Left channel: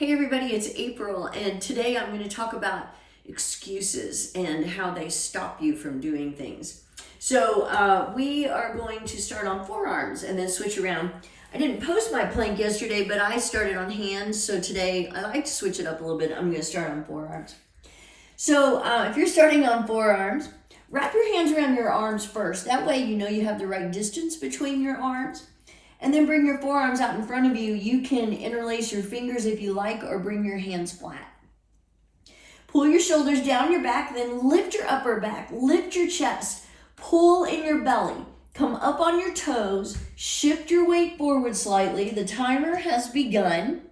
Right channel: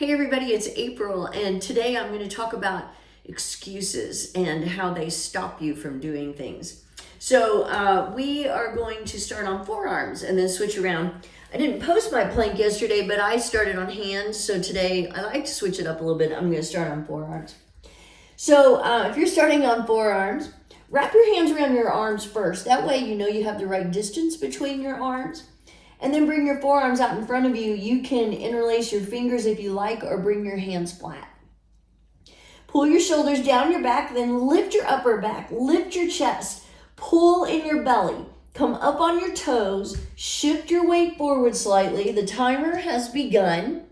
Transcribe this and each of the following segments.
Hey everybody, it's April, and today I'm going to talk about excuses and how they stop you from doing things. So we are going to start on forearms and then switch around. I didn't post my plank yesterday, but I started on hands, so today I like to switch it up a little bit. I'm going to start on forearms. So if you're starting on forearms, wrap your hands around your arms first. That way you know you have the right distance between your arms. And then bring your forearms out in front of you. You can interlace your fingers if you like, or bring your hands flat. Pull your shoulders down your back, then lift your upper back, lift your chest, pull in your belly, come up on your toes, shift your weight forward slightly. The timer has begun.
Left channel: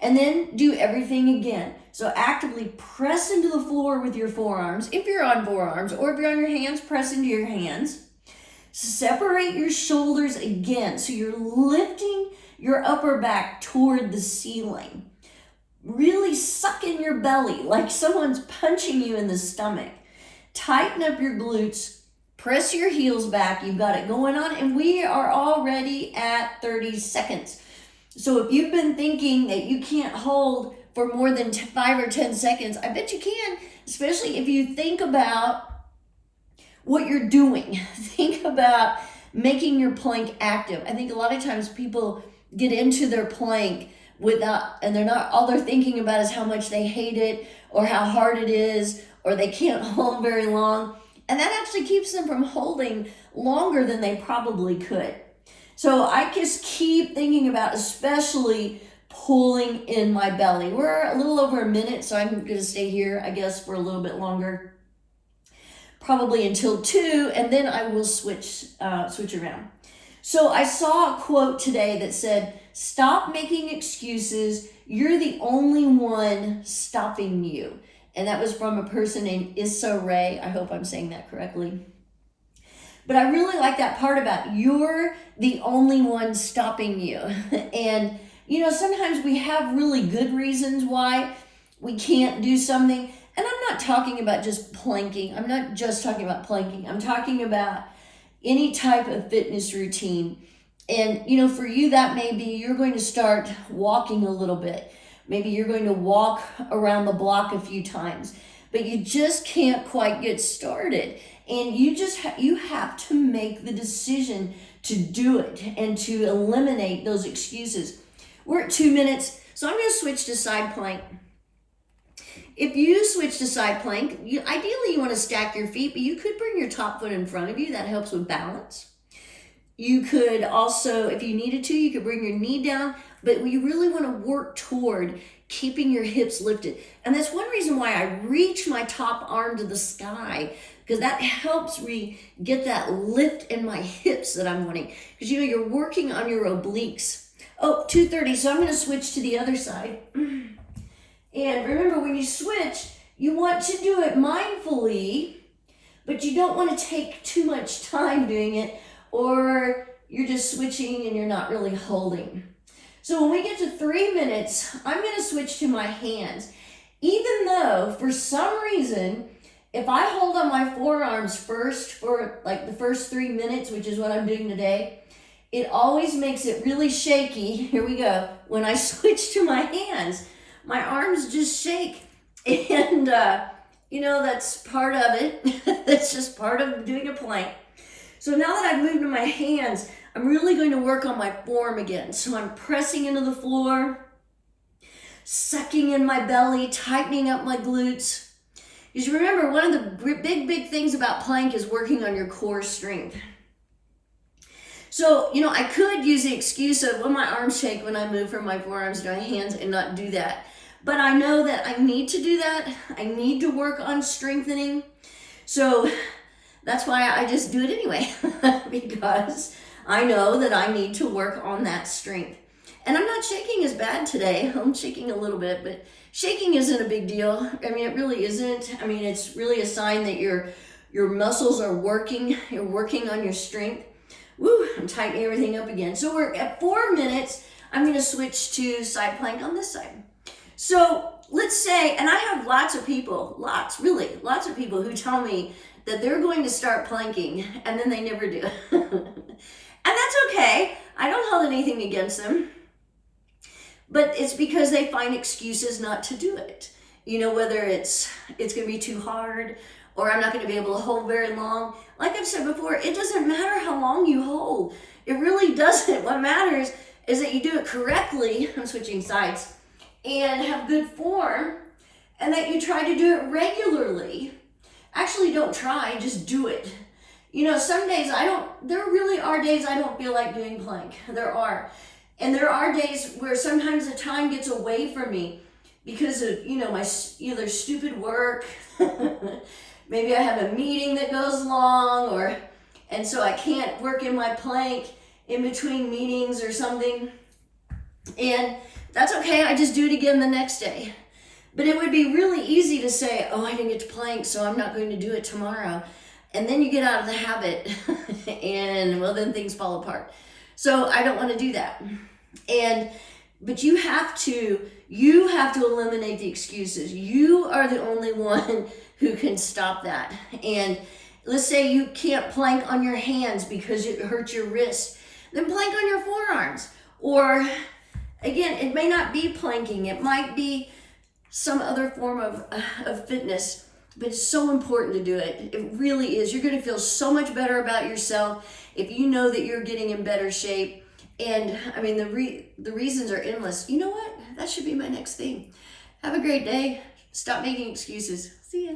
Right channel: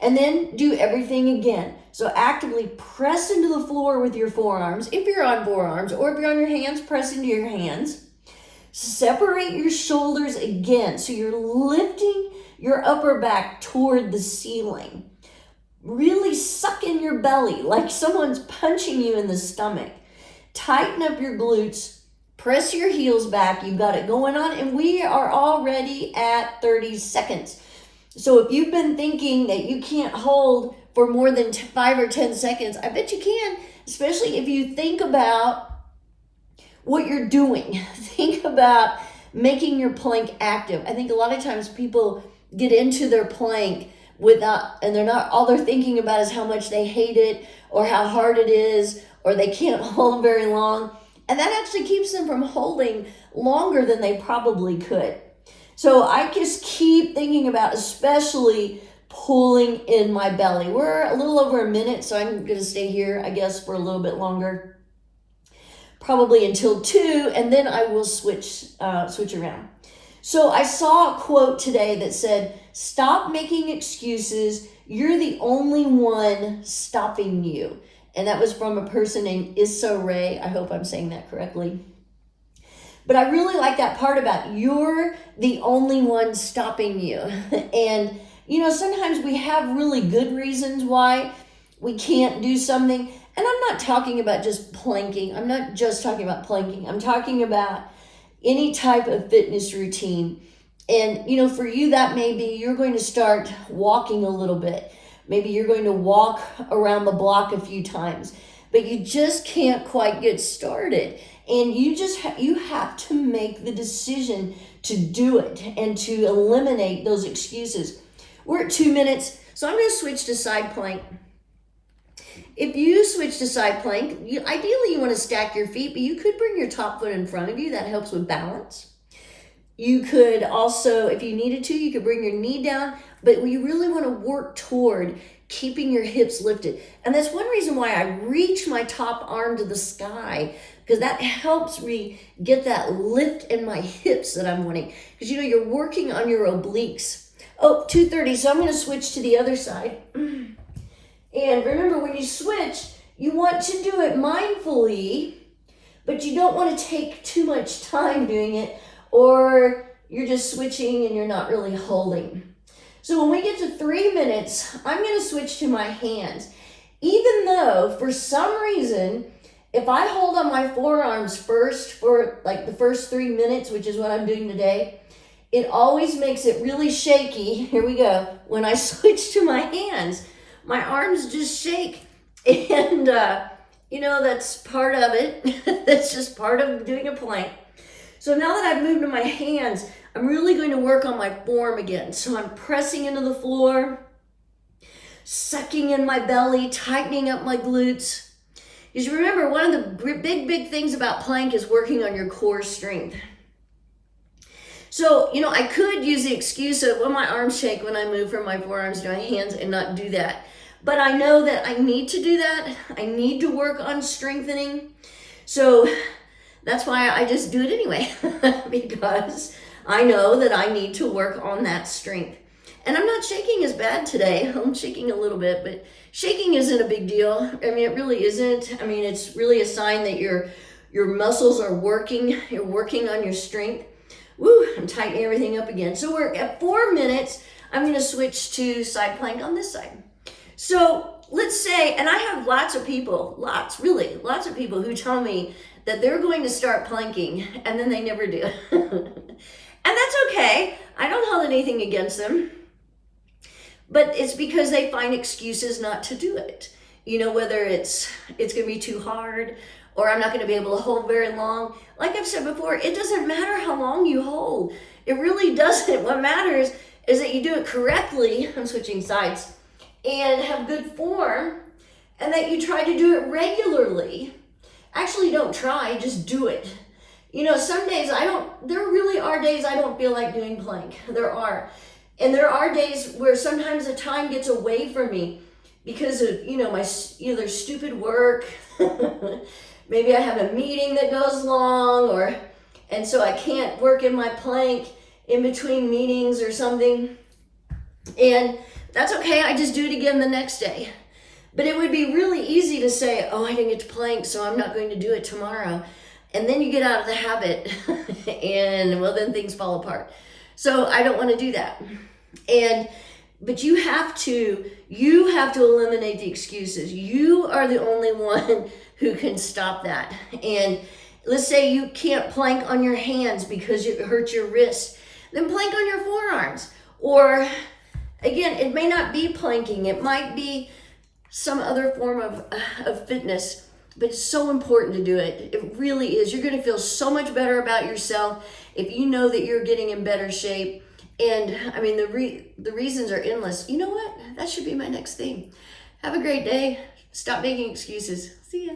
And then do everything again. So actively press into the floor with your forearms, if you're on forearms, or if you're on your hands, press into your hands. Separate your shoulders again, so you're lifting your upper back toward the ceiling. Really suck in your belly like someone's punching you in the stomach. Tighten up your glutes, press your heels back. You got it going on, and we are already at 30 seconds. So if you've been thinking that you can't hold for more than 5 or 10 seconds, I bet you can, especially if you think about what you're doing. Think about making your plank active. I think a lot of times people get into their plank and all they're thinking about is how much they hate it, or how hard it is, or they can't hold very long. And that actually keeps them from holding longer than they probably could. So I just keep thinking about especially pulling in my belly. We're a little over a minute, so I'm going to stay here, I guess, for a little bit longer. Probably until 2, and then I will switch around. So I saw a quote today that said, "Stop making excuses. You're the only one stopping you." And that was from a person named Issa Rae. I hope I'm saying that correctly. But I really like that part about you're the only one stopping you. And, sometimes we have really good reasons why we can't do something. And I'm not talking about just planking. I'm not just talking about planking. I'm talking about any type of fitness routine. And, for you, that may be you're going to start walking a little bit. Maybe you're going to walk around the block a few times, but you just can't quite get started. And you have to make the decision to do it and to eliminate those excuses. We're at 2 minutes, so I'm going to switch to side plank. If you switch to side plank, ideally you want to stack your feet, but you could bring your top foot in front of you. That helps with balance. You could also, if you needed to, you could bring your knee down, but you really want to work toward keeping your hips lifted. And that's one reason why I reach my top arm to the sky, because that helps me get that lift in my hips that I'm wanting. Because you're working on your obliques. Oh, 2:30, so I'm going to switch to the other side. And remember, when you switch, you want to do it mindfully, but you don't want to take too much time doing it, or you're just switching and you're not really holding. So when we get to 3 minutes, I'm going to switch to my hands. Even though, for some reason, if I hold on my forearms first for like the first 3 minutes, which is what I'm doing today, it always makes it really shaky. Here we go. When I switch to my hands, my arms just shake, and that's part of it. That's just part of doing a plank. So now that I've moved to my hands, I'm really going to work on my form again. So I'm pressing into the floor, sucking in my belly, tightening up my glutes. Because remember, one of the big things about plank is working on your core strength. So, I could use the excuse of, well, my arms shake when I move from my forearms to my hands, and not do that. But I know that I need to do that. I need to work on strengthening. So that's why I just do it anyway, because I know that I need to work on that strength. And I'm not shaking as bad today. I'm shaking a little bit, but shaking isn't a big deal. I mean, it really isn't. I mean, it's really a sign that your muscles are working. You're working on your strength. Woo, I'm tightening everything up again. So we're at 4 minutes. I'm going to switch to side plank on this side. So let's say, and I have lots of people who tell me that they're going to start planking, and then they never do. And that's okay. I don't hold anything against them. But it's because they find excuses not to do it. You know, whether it's going to be too hard, or I'm not going to be able to hold very long. Like I've said before, it doesn't matter how long you hold. It really doesn't. What matters is that you do it correctly. I'm switching sides. And have good form, and that you try to do it regularly. Actually, don't try, just do it. You know, some days there really are days I don't feel like doing plank. There are. And there are days where sometimes the time gets away from me because of, you know, my either stupid work. Maybe I have a meeting that goes long, and so I can't work in my plank in between meetings or something. And that's okay, I just do it again the next day. But it would be really easy to say, oh, I didn't get to plank, so I'm not going to do it tomorrow. And then you get out of the habit, and well, then things fall apart. So I don't want to do that. But you have to eliminate the excuses. You are the only one who can stop that. And let's say you can't plank on your hands because it hurts your wrist, then plank on your forearms. Or again, it may not be planking, it might be some other form of fitness, but it's so important to do it. It really is. You're going to feel so much better about yourself if you know that you're getting in better shape. And I mean, the reasons are endless. You know what? That should be my next thing. Have a great day. Stop making excuses. See ya.